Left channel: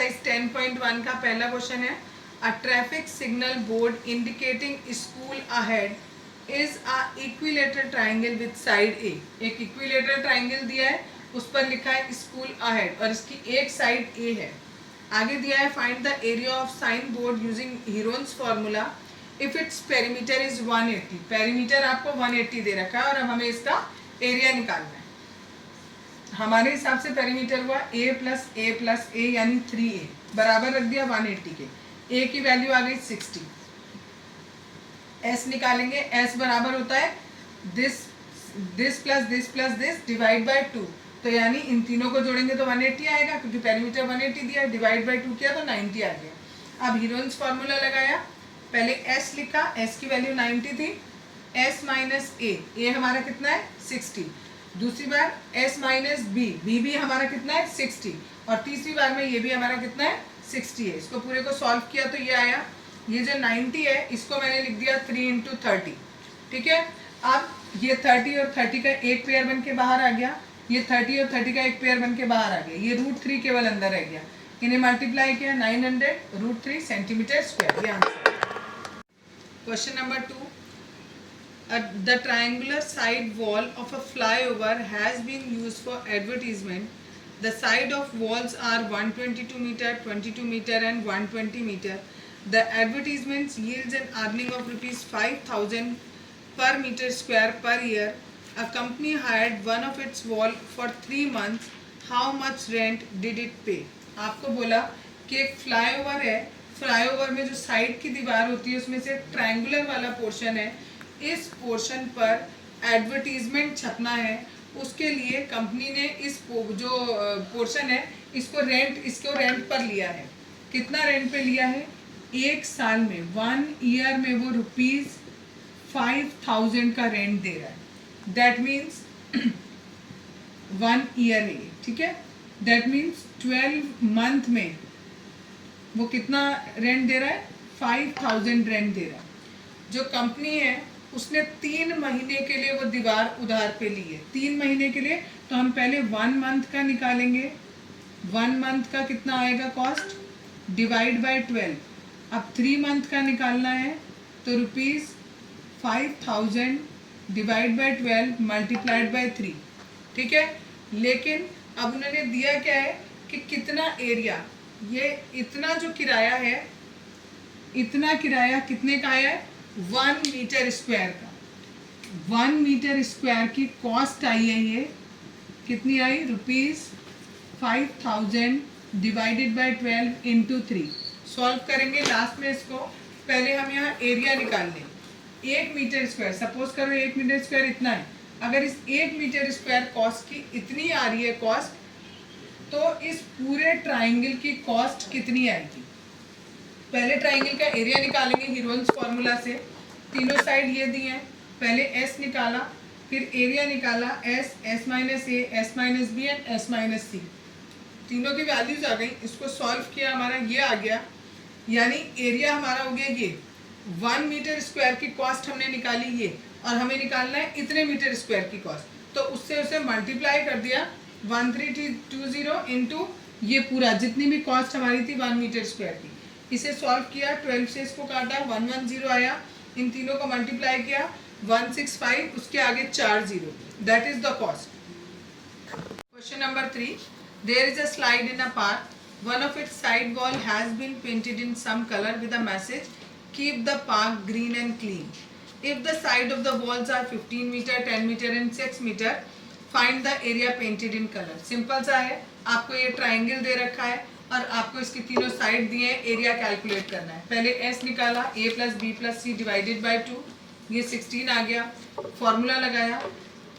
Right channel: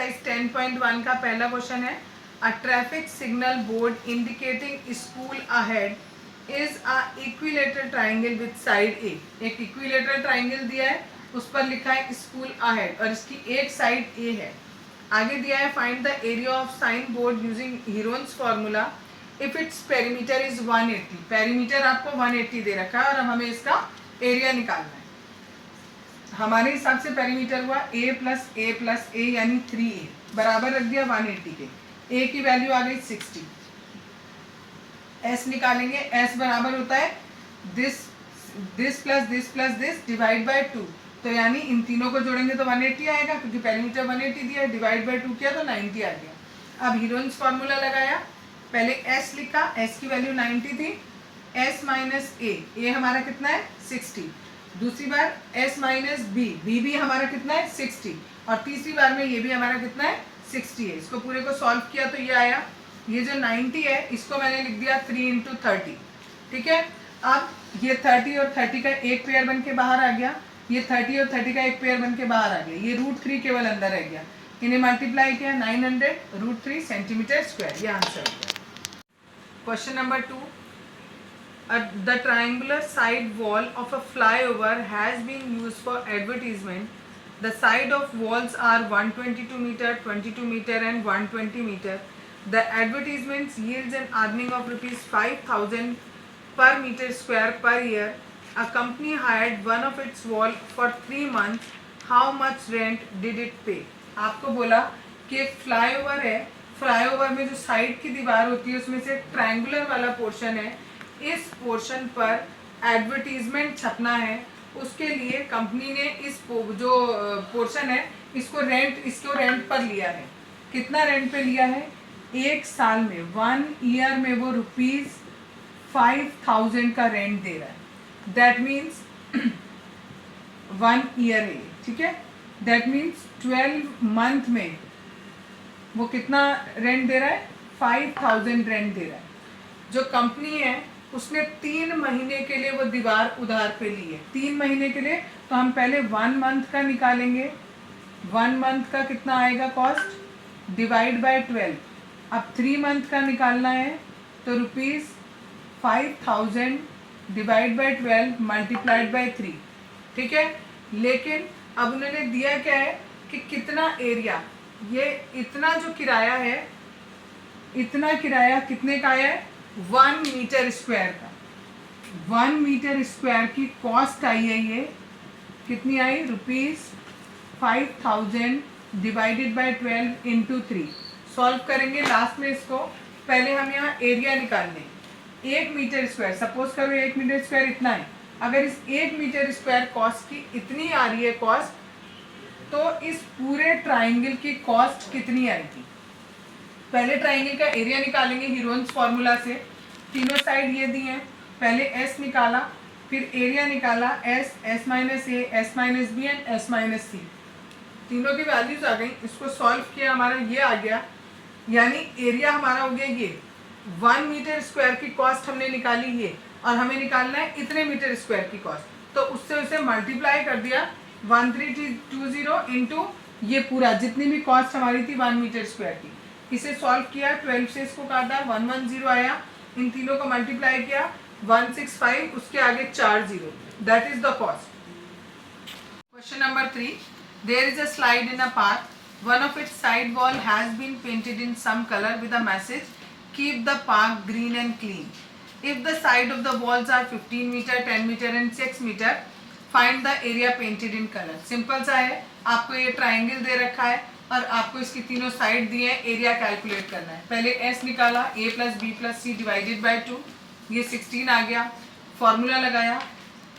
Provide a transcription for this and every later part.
Exercise 10.1 का पहला question है, a traffic signal board indicating school ahead is a equilateral triangle with side A. एक equilateral triangle दिया है, उस पर लिखा है स्कूल अहेड और इसकी एक साइड ए है। आगे दिया है find the area of sine board using Heron's formula if it's perimeter is 180। Perimeter आपको 180 दे रखा है और अब हमें इसका एरिया निकालना है। हमारे हिसाब से पेरीमीटर हुआ a प्लस ए यानी 3a बराबर रख दिया 180 के। a की वैल्यू आ गई 60। s निकालेंगे, s बराबर होता है this plus this divide by 2। तो यानी इन तीनों को जोड़ेंगे तो 180 आएगा, क्योंकि पेरीमीटर 180 दिया, डिवाइड बाय 2 किया तो 90 आ गया। अब हीरोन्स फार्मूला लगाया, पहले s लिखा, s की वैल्यू 90 थी, s माइनस ए हमारा कितना है 60। दूसरी बार s माइनस बी भी हमारा कितना है 60 और तीसरी बार में ये भी हमारा कितना है 60 है। इसको पूरे को सॉल्व किया तो ये आया, ये जो 90 है इसको मैंने लिख दिया 3 इंटू 30। ठीक है, अब ये 30 और 30 का एक पेयर बन के बाहर आ गया, ये 30 और 30 का एक पेयर बन के बाहर आ गया, ये √3 केवल अंदर रह गया। इन्हें मल्टीप्लाई किया 900 √3 सेंटीमीटर स्क्वायर, ये आंसर है। Question number 2, the triangular side wall of a flyover has been used for advertisement. The side of walls are 122 meter, 22 meter and 120 meter. The advertisements yields an earning of rupees 5,000 per meter square per year. A company hired one of its wall for 3 months. How much rent did it pay? आपको बोला कि एक flyover है, flyover में जो side की दीवार होती है उसमें से ट्रायंगुलर वाला पोर्शन है, इस पोर्शन पर एडवर्टीजमेंट छपना है। उसके लिए कंपनी ने इस जो पोर्शन है इसको रेंट पर लिया है। कितना रेंट पे लिया है? एक साल में 1 ईयर में वो ₹5,000 का रेंट दे रहा है। दैट मीन्स 1 ईयर है, ठीक है। दैट मीन्स 12 मंथ में वो कितना रेंट दे रहा है? 5,000 रेंट दे रहा है। जो कंपनी है उसने 3 महीने के लिए वो दीवार उधार पे ली है। 3 महीने के लिए, तो हम पहले 1 मंथ का निकालेंगे। 1 मंथ का कितना आएगा कॉस्ट, डिवाइड बाय 12। अब 3 मंथ का निकालना है तो ₹5,000 डिवाइड बाय 12 मल्टीप्लाइड बाय 3। ठीक है, लेकिन अब उन्होंने दिया क्या है कि कितना एरिया, ये इतना जो किराया है, इतना किराया कितने का आया है? 1 मीटर स्क्वायर का। 1 मीटर स्क्वायर की कॉस्ट आई है, ये कितनी आई? ₹5,000 डिवाइडेड बाय 12 इंटू 3। सॉल्व करेंगे लास्ट में इसको। पहले हम यहाँ एरिया निकाल लें। 1 मीटर स्क्वायर, सपोज करो 1 मीटर स्क्वायर इतना है। अगर इस 1 मीटर स्क्वायर कॉस्ट की इतनी आ रही है कॉस्ट, तो इस पूरे ट्राइंगल की कॉस्ट कितनी आएगी? पहले ट्राइंगल का एरिया निकालेंगे हीरोन्स फॉर्मूला से। तीनों साइड ये दिए हैं, पहले s निकाला, फिर एरिया निकाला, s minus A, s minus B and s minus C. तीनों की वैल्यूज आ गई। इसको सॉल्व किया, हमारा ये आ गया, यानी एरिया हमारा हो गया ये। 1 मीटर स्क्वायर की कॉस्ट हमने निकाली ये, और हमें निकालना है इतने मीटर स्क्वायर की कॉस्ट, तो उससे उसे मल्टीप्लाई कर दिया 1320 इंटू ये पूरा जितनी भी कॉस्ट हमारी थी 1 मीटर स्क्वायर की। इसे सॉल्व किया, 12 से इसको काटा, 110 आया। इन तीनों को मल्टीप्लाई किया 165, उसके आगे 4 0। That is the cost. Question number 3, there is a slide in a park. One of its side wall has been painted in some color with a message, keep the park green and clean. If the side of the walls are 15 meter, 10 meter and 6 meter, find the area painted in color. Simple सा है, आपको ये triangle दे रखा है और आपको इसकी तीनों साइड दिए हैं, एरिया कैलकुलेट करना है। पहले s निकाला, a plus B plus C divided by 2, ये 16 आ गया। फॉर्मूला लगाया,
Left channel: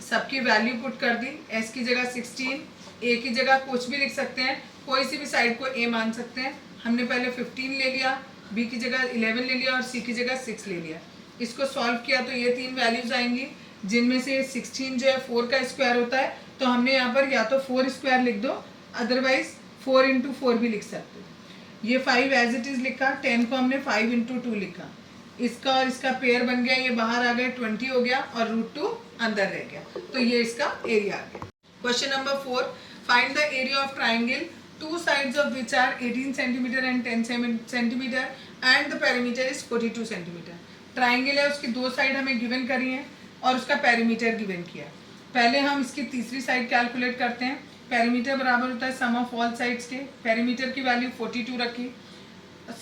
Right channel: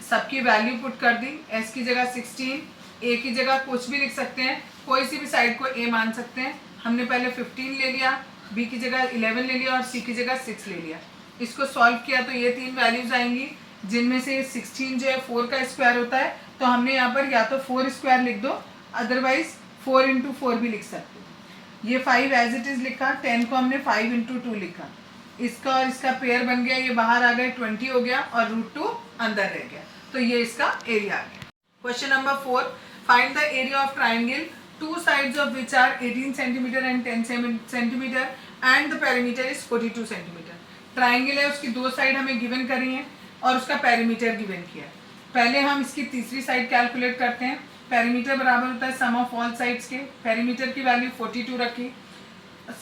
सबकी वैल्यू पुट कर दी, s की जगह 16, a की जगह कुछ भी लिख सकते हैं, कोई सी भी साइड को a मान सकते हैं। हमने पहले 15 ले लिया, b की जगह 11 ले लिया और c की जगह 6 ले लिया। इसको सॉल्व किया तो ये 3 वैल्यूज आएंगी, जिनमें से 16 जो है 4 का स्क्वायर होता है, तो हमने यहाँ पर या तो 4 स्क्वायर लिख दो, अदरवाइज 4 इंटू 4 भी लिख सकते हो। ये 5 एज इट इज लिखा, 10 को हमने 5 इंटू 2 लिखा, इसका और इसका पेयर बन गया, ये बाहर आ गए 20 हो गया और √2 अंदर रह गया, तो ये इसका एरिया आ गया। Question number 4, find the area of triangle two sides of which are 18 centimetre and 10 centimetre and the perimeter is 42 centimetre. Triangle है, उसकी दो साइड हमें गिवन करी है और उसका पेरीमीटर गिवन किया है। पहले हम इसकी तीसरी साइड कैलकुलेट करते हैं। पेरीमीटर बराबर होता है सम ऑफ ऑल साइड्स के। पेरीमीटर की वैल्यू 42 रखी,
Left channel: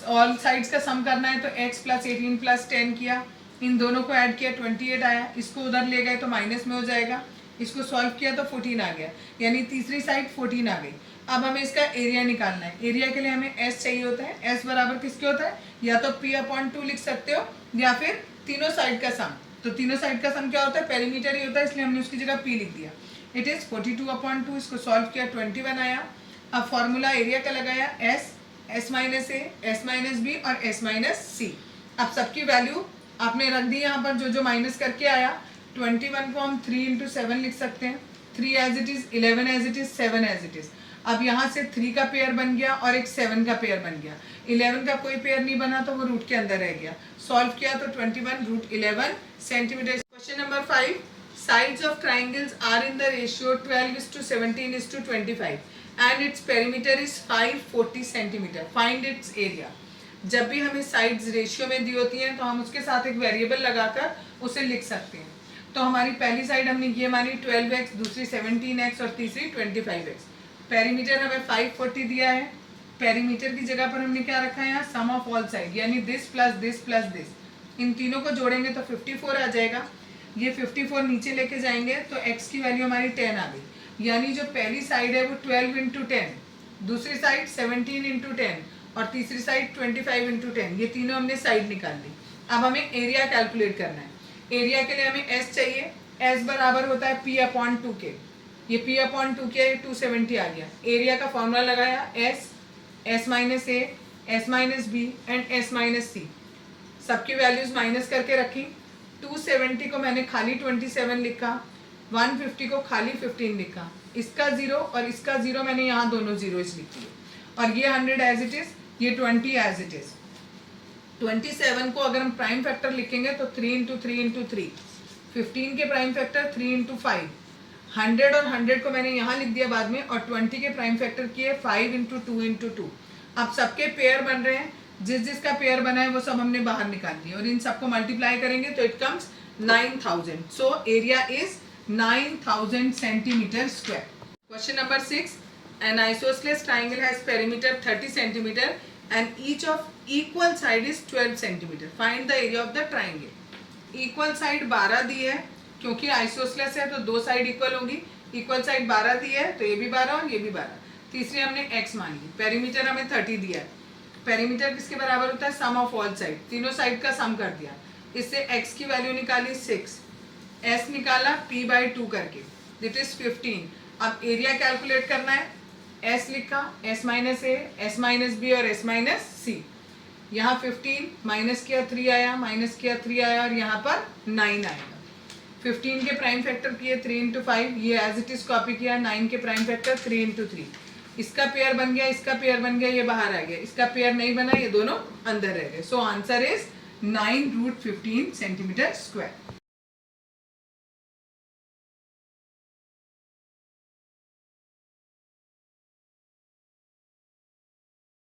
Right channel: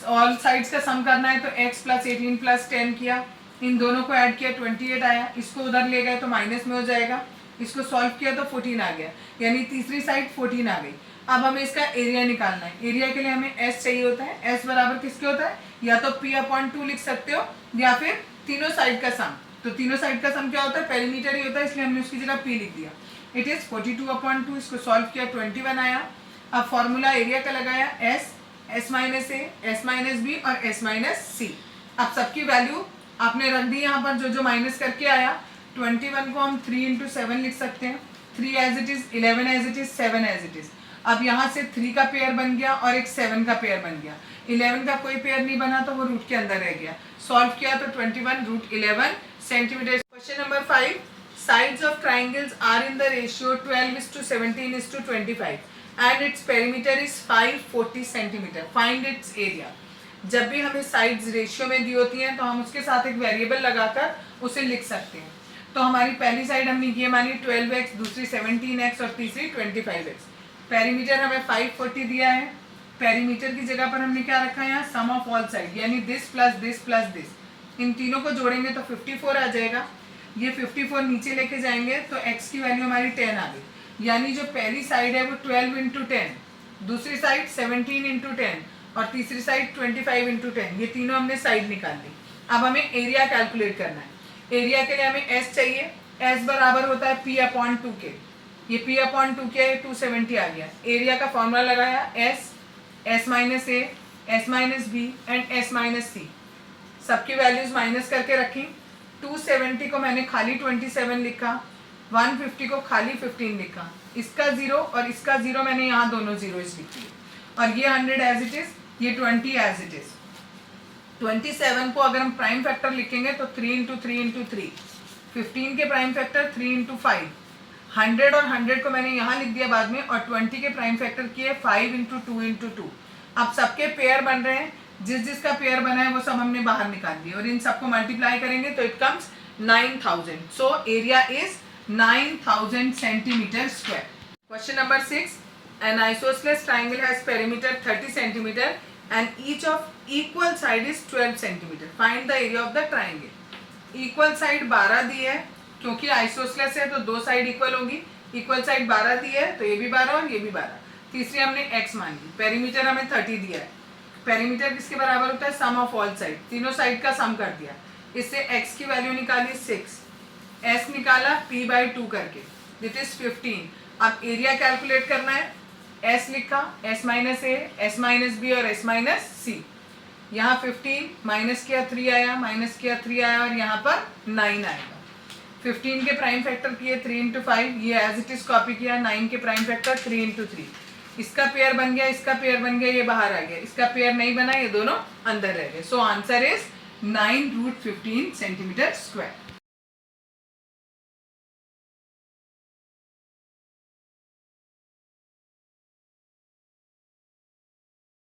ऑल साइड्स का सम करना है तो x प्लस 18 प्लस 10 किया, इन दोनों को ऐड किया 28 आया, इसको उधर ले गए तो माइनस में हो जाएगा, इसको सॉल्व किया तो 14 आ गया, यानी तीसरी साइड 14 आ गई। अब हमें इसका एरिया निकालना है। एरिया के लिए हमें s चाहिए होता है। s बराबर किसके होता है, या तो p/2 लिख सकते हो या फिर तीनों साइड का सम। तो तीनों साइड का सम क्या होता है, पेरीमीटर ही होता है, इसलिए हमने उसकी जगह p लिख दिया। इट इज 42/2, इसको सॉल्व किया 21 आया। अब फॉर्मूला एरिया का लगाया s, s minus A, s minus B और s माइनस सी। अब सबकी वैल्यू आपने रख दी यहाँ पर, जो जो माइनस करके आया। 21 को हम 3 इंटू 7 लिख सकते हैं, 3 as it is, 11 as it is, 7 as it is. अब यहाँ से 3 का पेयर बन गया और एक 7 का पेयर बन गया। 11 का कोई पेयर नहीं बना तो वो रूट के अंदर रह गया। सॉल्व किया तो 21√11 centimetre. Question number 5, sides of triangles are in the ratio 12:17:25 and its perimeter is 540 centimetre. Find its area. जब भी हमें साइड्स रेशियो में दी होती हैं तो हम उसके साथ एक वेरिएबल लगाकर उसे लिख सकते हैं। तो हमारी पहली साइड हमने ये मानी 12x, दूसरी 17x और तीसरी 25x। पेरीमीटर हमें 540 दिया है। पेरीमीटर की जगह पर हमने क्या रखा है यहाँ, सम ऑफ ऑल साइड, यानी this plus this plus this. इन तीनों को जोड़ेंगे तो 54 आ जाएगा। ये 54 नीचे लेके जाएंगे तो x की वैल्यू हमारी 10 आ गई, यानी जो पहली साइड है वो 12 इंटू 10, दूसरी साइड 17 इंटू 10 और तीसरी साइड 25 इंटू 10। ये तीनों हमने साइड निकाल ली। अब हमें एरिया कैलकुलेट करना है। एरिया के लिए हमें s चाहिए। s बराबर होता है p/2 के। ये p/2 के 270 आ गया। एरिया का फॉर्मूला लगाया, s minus A, s minus B and s minus C. सबकी वैल्यूज माइनस करके रखी। 270 को मैंने खाली 27 लिखा, 150 को खाली 15 लिखा, इसका 0 और इसका 0 मैंने यहाँ दोनों जीरोज लिख दिए, और ये 100 एज इट इज, ये 20 एज इट इज। 27 को अगर हम प्राइम फैक्टर लिखेंगे तो 3 इंटू 3 इंटू 3, 15 के प्राइम फैक्टर 3 इंटू 5, 100 और 100 को मैंने यहाँ लिख दिया बाद में, और 20 के प्राइम फैक्टर किए 5 इंटू 2 इंटू 2। अब सबके पेयर बन रहे हैं, जिस जिसका पेयर बना है वो सब हमने बाहर निकाल दिए, और इन सबको मल्टीप्लाई करेंगे तो it comes 9000। So area is 9000 centimetre square. Question number 6, an isosceles triangle has perimeter 30 centimeter and each of equal side is 12 centimeter. Find the area of the triangle. Equal side 12 दी है, क्योंकि आइसोस्लेस है तो दो side equal होगी। Equal side 12 दी है तो ये भी 12 और ये भी 12। तीसरी हमने x मान ली। पेरीमीटर हमें 30 दिया है। पेरीमीटर किसके बराबर होता है, सम ऑफ ऑल साइड। तीनों साइड का सम कर दिया। इससे x की वैल्यू निकाली 6, s निकाला p/2 करके, दिट इज 15। अब एरिया कैलकुलेट करना है। s लिखा, s minus A, s minus B और s माइनस सी। यहाँ 15 माइनस किया 3 आया, माइनस किया 3 आया, और यहाँ पर 9 आएगा। 15 के प्राइम फैक्टर किए 3 इंटू 5, ये एज इट इज कॉपी किया। 9 के प्राइम फैक्टर 3 इंटू 3, इसका पेयर बन गया, इसका पेयर बन गया, ये बाहर आ गया। इसका पेयर नहीं बना, ये दोनों अंदर रह गए। So answer is 9√15 centimetre square.